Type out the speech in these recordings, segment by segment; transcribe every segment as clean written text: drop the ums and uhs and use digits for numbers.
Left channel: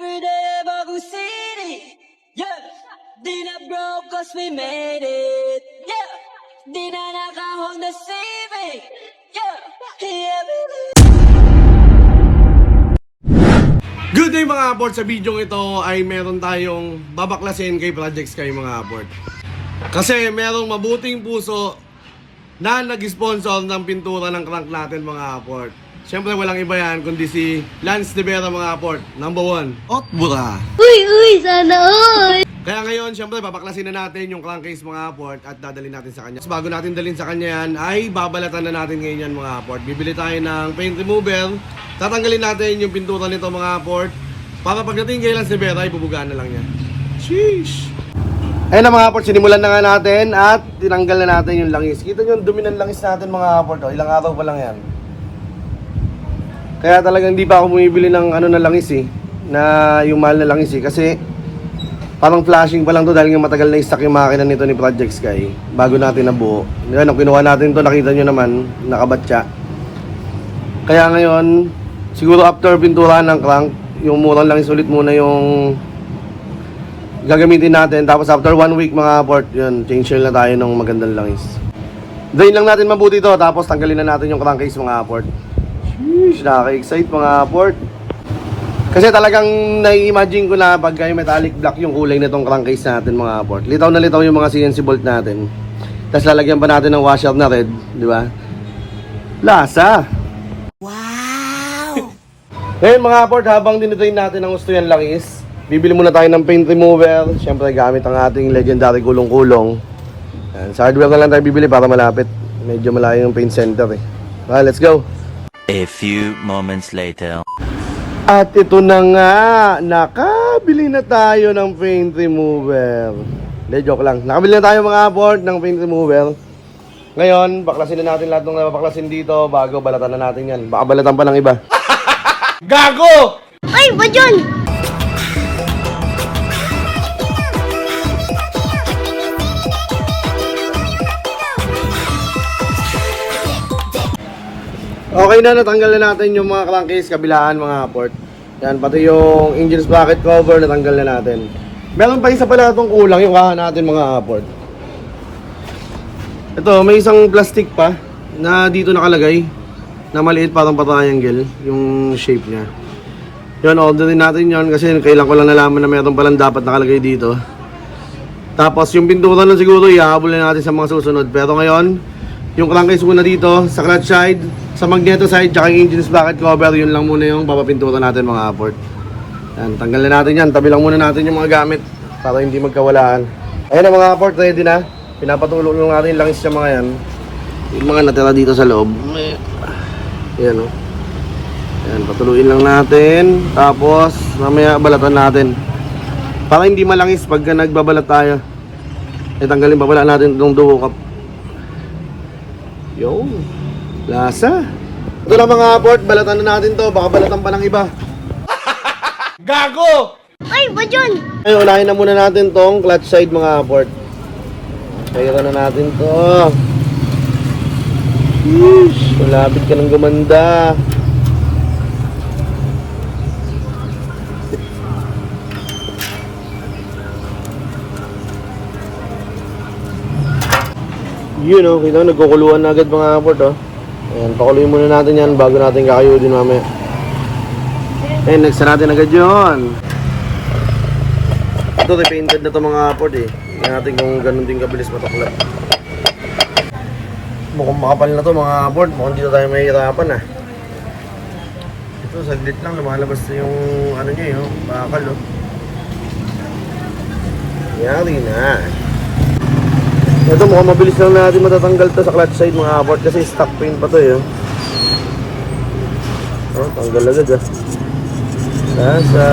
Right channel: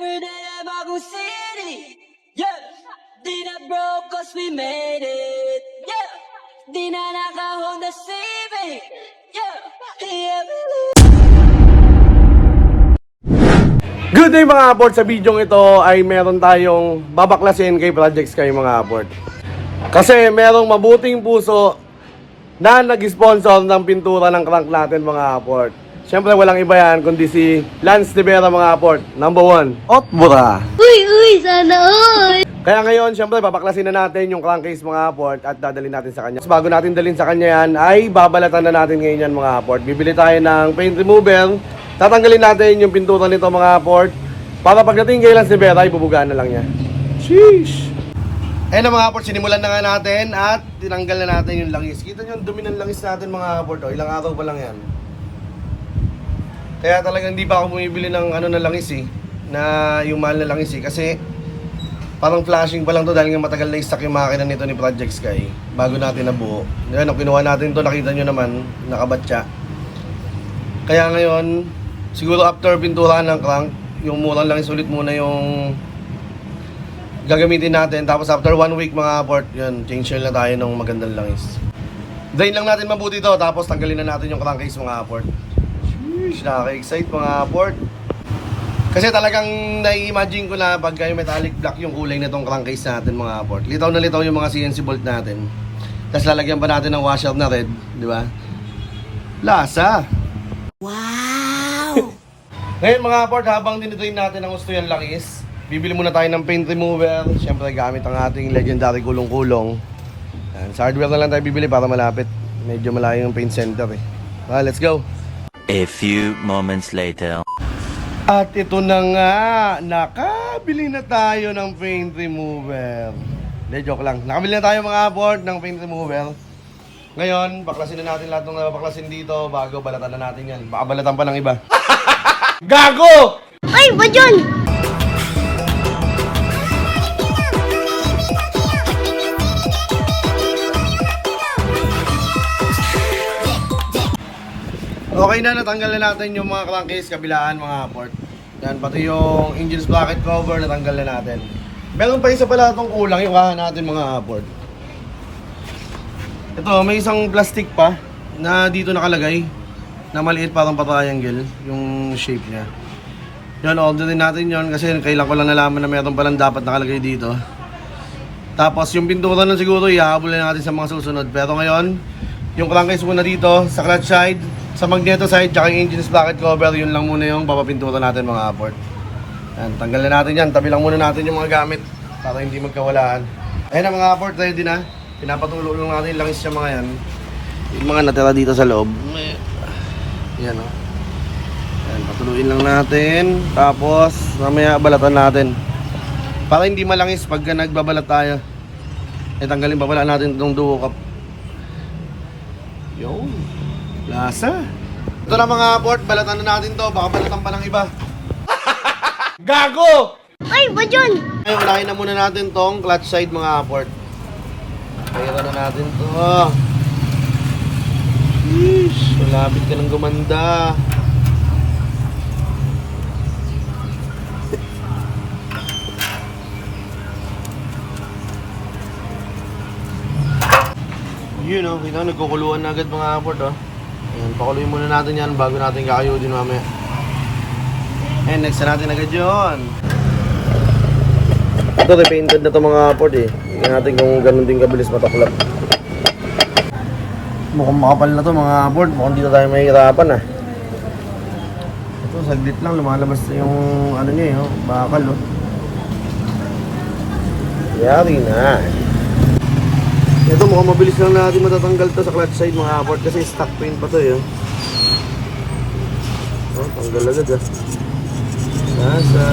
Every day at Bagu City. Yeah. Di na broke cause we made it. Yeah. Di na nakahon na saving. Yeah. Yeah, we live. Good day mga aport, sa video ito ay meron tayong babaklasin kay Projects kayo mga aport. Kasi merong mabuting puso na nag-sponsor ng pintura ng crank natin mga aport. Siyempre walang iba yan kundi si Lance De Vera mga aport, number 1, Otbura. Uy, sana all! Kaya ngayon, siyempre babaklasin na natin yung crankcase mga aport at dadalhin natin sa kanya. Bago natin dalhin sa kanya yan, ay babalatan na natin ngayon yan mga aport. Bibili tayo ng paint remover, tatanggalin natin yung pintura nito mga aport, para pagdating kay Lance De Vera, ibubugaan na lang niya. Sheesh! Ayun na mga aport, sinimulan na nga natin at tinanggal na natin yung langis. Kita nyo yung dumi ng langis natin mga aport. O, ilang araw pa lang yan. Kaya talagang hindi pa ako bumibili ng ano na langis eh, na yung mahal na langis eh. Kasi parang flashing pa lang to dahil nga matagal na i-stock yung makina nito ni Project Sky bago natin nabuo. Ngayon, nung kinuha natin to, nakita nyo naman, nakabatya. Kaya ngayon, siguro after pintura ng crank, yung murang langis ulit muna yung gagamitin natin. Tapos after 1 week mga port, yun, change oil na tayo ng magandang langis. Drain lang natin mabuti to, tapos tanggalin na natin yung crankcase mga port. Sheesh, nakaka-excite mga port. Kasi talagang nai-imagine ko na pagka yung metallic black yung kulay nitong crankcase natin mga port. Litaw na litaw yung mga CNC bolt natin. Tapos lalagyan pa natin ng washer na red, di ba? Lasa! Wow! Ngayon mga port, habang dinutrain natin ang gusto yan langis, bibili muna tayo ng paint remover. Siyempre gamit ang ating legendary kulong-kulong. Sa hardware na lang tayo bibili para malapit. Medyo malayo yung paint center eh. Well, let's go! A few moments later. At ito na nga, nakabili na tayo ng paint remover. Hindi, joke lang. Nakabili na tayo mga port ng paint remover. Ngayon, baklasin na natin lahat ng nabaklasin dito bago balatan na natin yan. Baka balatan pa ng iba. Gago! Ay, ba yun? Okay na, natanggal na natin yung mga crankcase kabilaan mga port. Yan, pati yung engine sprocket cover natanggal na natin. Meron pa isa pala itong kulang yung kaha natin mga port. Ito, may isang plastic pa na dito nakalagay na maliit parang pa-triangle yung shape niya. Yun, orderin natin yun kasi kailan ko lang nalaman na meron palang dapat nakalagay dito. Tapos yung pintura na siguro ihahabol na natin sa mga susunod. Pero ngayon, yung crankcase muna dito sa clutch side, sa magneto side, tsaka yung engine sprocket cover, yun lang muna yung papapintura natin mga aport. Yan, tanggal na natin yan. Tabi lang muna natin yung mga gamit para hindi magkawalaan. Ayan na mga aport, ready na. Pinapatulong lang natin yung langis yung mga yan. Yung mga natira dito sa loob. Yan o. Yan, patuluin lang natin. Tapos, mamaya balatan natin. Para hindi malangis pagka nagbabalat tayo. Tanggalin pa pala natin itong duo cup. Yo, lasa. Ito lang mga aport, balatan na natin to. Baka balatan pa ng iba. Gago! Ay, ba yun? Ay, unahin na muna natin tong clutch side mga aport. Kaya na natin to. Yeesh, malapit ka ng gumanda. Yun o, kita nagkukuluan na agad mga aport o. Ayan, pakuluin muna natin yan bago natin kakayudin mamaya. Ayan, next na natin agad yun. Ito, repainted na ito mga aport eh. Tingnan natin kung ganun din kabilis mataklap. Mukhang makapal na ito mga aport. Mukhang dito tayo mahihirapan ah. Ito, saglit lang. Lumalabas na yung ano niya eh, bakal o. Yari na. Ito mukhang mabilis lang natin matatanggal to sa clutch side mga aport kasi stock paint pa to eh. Oh, tanggal agad ah. Nasa.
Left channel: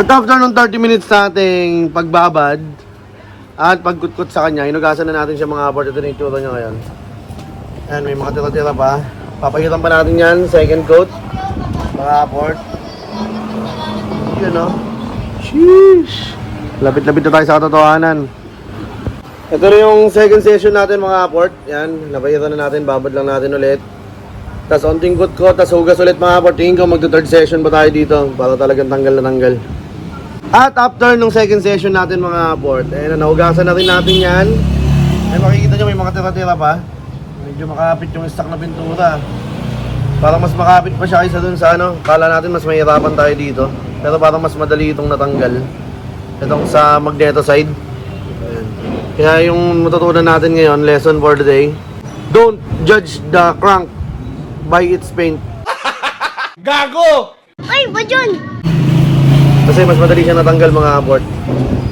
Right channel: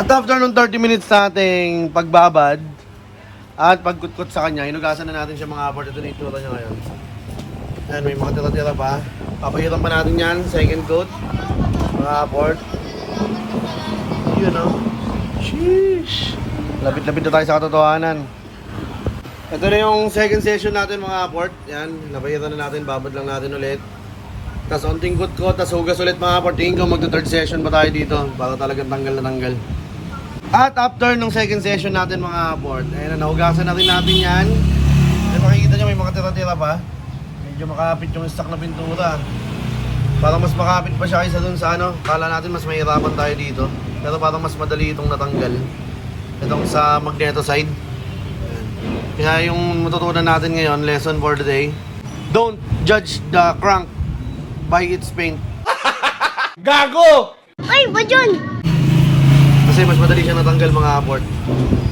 At after ng 30 minutes nating pagbabad at pagkutkot sa kanya, hinugasan na natin siya mga aport. Ito na itsura niya ngayon. Ayan, may mga tira-tira pa. Papahiran pa natin yan, second coat mga aport. Yun o. Sheesh! Lapit-lapit na tayo sa katotohanan. Ito na yung second session natin mga aport. Yan, napahiran na natin, babad lang natin ulit. tas onting ko, tas hugas ulit mga aport. Tingin ko magto third session pa tayo dito para talagang tanggal na tanggal. At after nung second session natin mga aport, eh nahugasan na rin natin yan. Ay makikita nyo may mga tira-tira pa. Medyo makapit yung stock na pintura. Parang mas makapit pa siya kaysa dun sa ano. Kala natin mas mahirapan tayo dito. Pero parang mas madali itong natanggal. Itong sa magneto side. Ayan. Kaya yung matutunan natin ngayon, lesson for the day, don't judge the crank by its paint. Gago! Ay, Bajon! Kasi mas madali siya natanggal mga aport.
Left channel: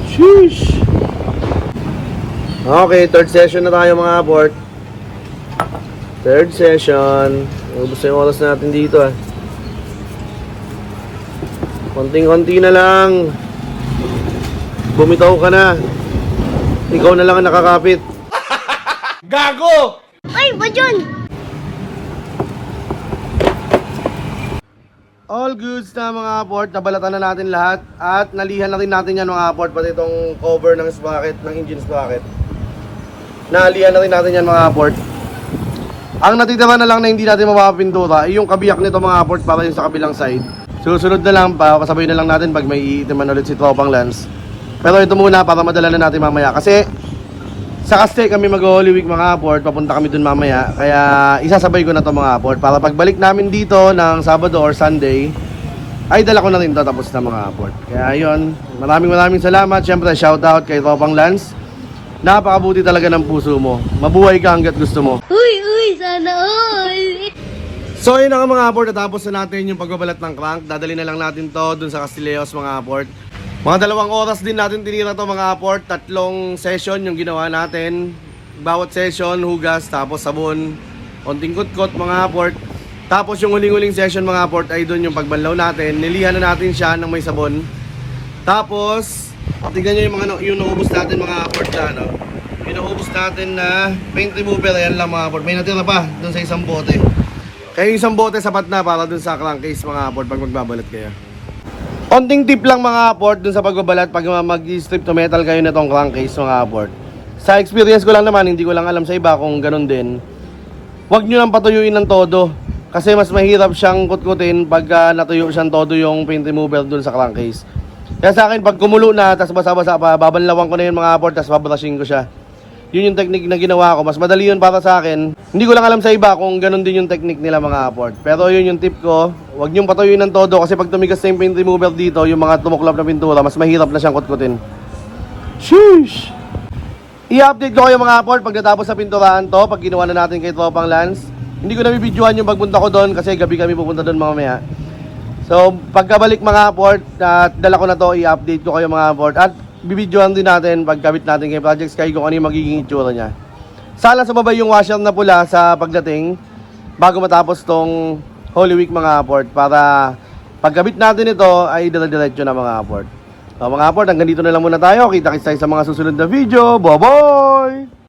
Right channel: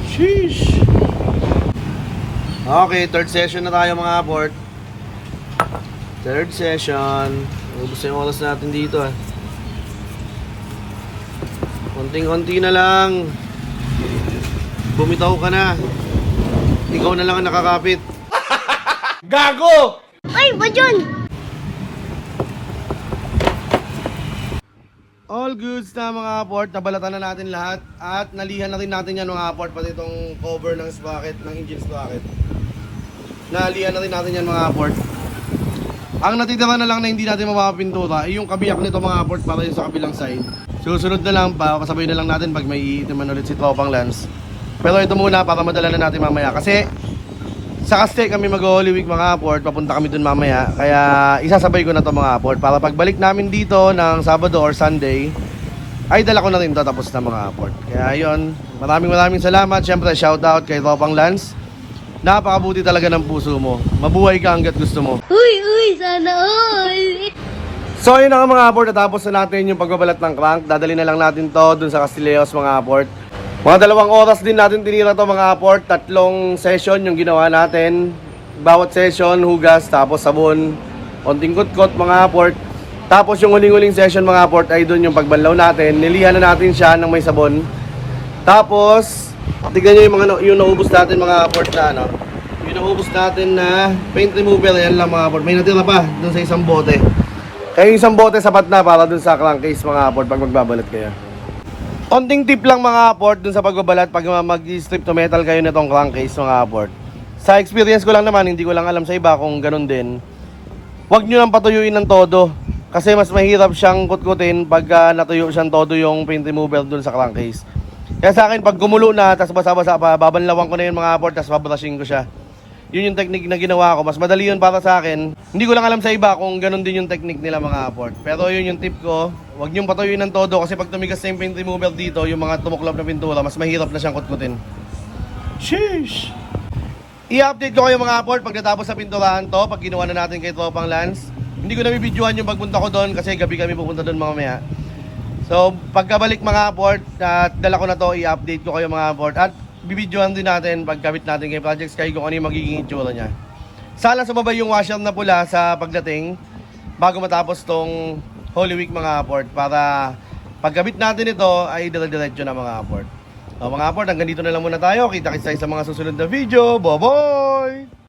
Sheesh! Okay, third session na tayo mga aport. Third session. Ubus na yung oras natin dito ah. Konting-konti na lang. Bumitaw ka na. Ikaw na lang ang nakakapit. Gago! Ay, Bajon! All goods na mga aport, nabalatan na natin lahat at nalihan na rin natin yan mga aport, pati itong cover ng sprocket, ng engine sprocket. Nalihan na rin natin yan mga aport. Ang natitira na lang na hindi natin mapapintura ay yung kabiyak nito mga aport para yung sa kabilang side. Susunod na lang pa, kasabay na lang natin pag may iitiman ulit si Tropang Lance. Pero ito muna para madala na natin mamaya kasi sa Castell kami mag-Holy Week mga aport, papunta kami dun mamaya. Kaya isasabay ko na to mga aport para pagbalik namin dito ng Sabado or Sunday ay dala ko na rin to tapos na mga aport. Kaya yun, maraming salamat. Syempre shoutout kay Tropang Lance. Napakabuti talaga ng puso mo. Mabuhay ka hanggat gusto mo. Uy, sana all! So yun na nga mga aport, natapos na natin yung pagbabalat ng crank. Dadali na lang natin to dun sa Castilleos mga aport. Mga 2 oras din natin tinira to mga aport. 3 session yung ginawa natin. Bawat session, hugas, tapos sabon, konting kutkot mga aport. Tapos yung huling-huling session mga aport ay dun yung pagbanlaw natin. Nilihan na natin siya ng may sabon. Tapos, tignan nyo yung mga yung naubos natin mga aport na ano. Yung naubos natin na paint remover, yan lang mga aport. May natira pa dun sa isang bote. Kaya yung isang bote sapat na para dun sa crankcase mga aport pag magbabalat kayo. Konting tip lang mga aport dun sa pagbabalat pag mag-strip to metal kayo nitong crankcase mga aport. Sa experience ko lang naman, hindi ko lang alam sa iba kung ganun din. Huwag nyo lang patuyuin ng todo. Kasi mas mahirap siyang kutkutin pag natuyo siyang todo yung paint remover dun sa crankcase. Kaya sa akin, pag kumulo na, tas basa-basa pa, babanlawan ko na yun mga aport, tas babrushing ko siya. Yun yung technique na ginawa ko. Mas madali yun para sa akin. Hindi ko lang alam sa iba kung ganun din yung technique nila mga aport. Pero yun yung tip ko. Huwag niyong patuyuin ng todo kasi pag tumigas na yung paint remover dito, yung mga tumuklap na pintura, mas mahirap na siyang kutkutin. Sheesh! I-update ko kayo mga aport pag natapos na pinturahan to, pag ginawa na natin kay Tropang Lance. Hindi ko na bibidyohan yung pagpunta ko doon kasi gabi kami pupunta doon mamaya. So pagkabalik mga aport, dala ko na to, i-update ko kayo mga aport. At bibidyohan din natin pagkabit natin kay Project Sky kung ano yung magiging itsura niya. Sana sumabay yung washer na pula sa pagdating bago matapos tong Holy Week mga aport para pagkabit natin ito ay dire-diretso na mga aport. So mga aport, hanggang dito na lang muna tayo. Kita-kits tayo sa mga susunod na video. Bye-bye!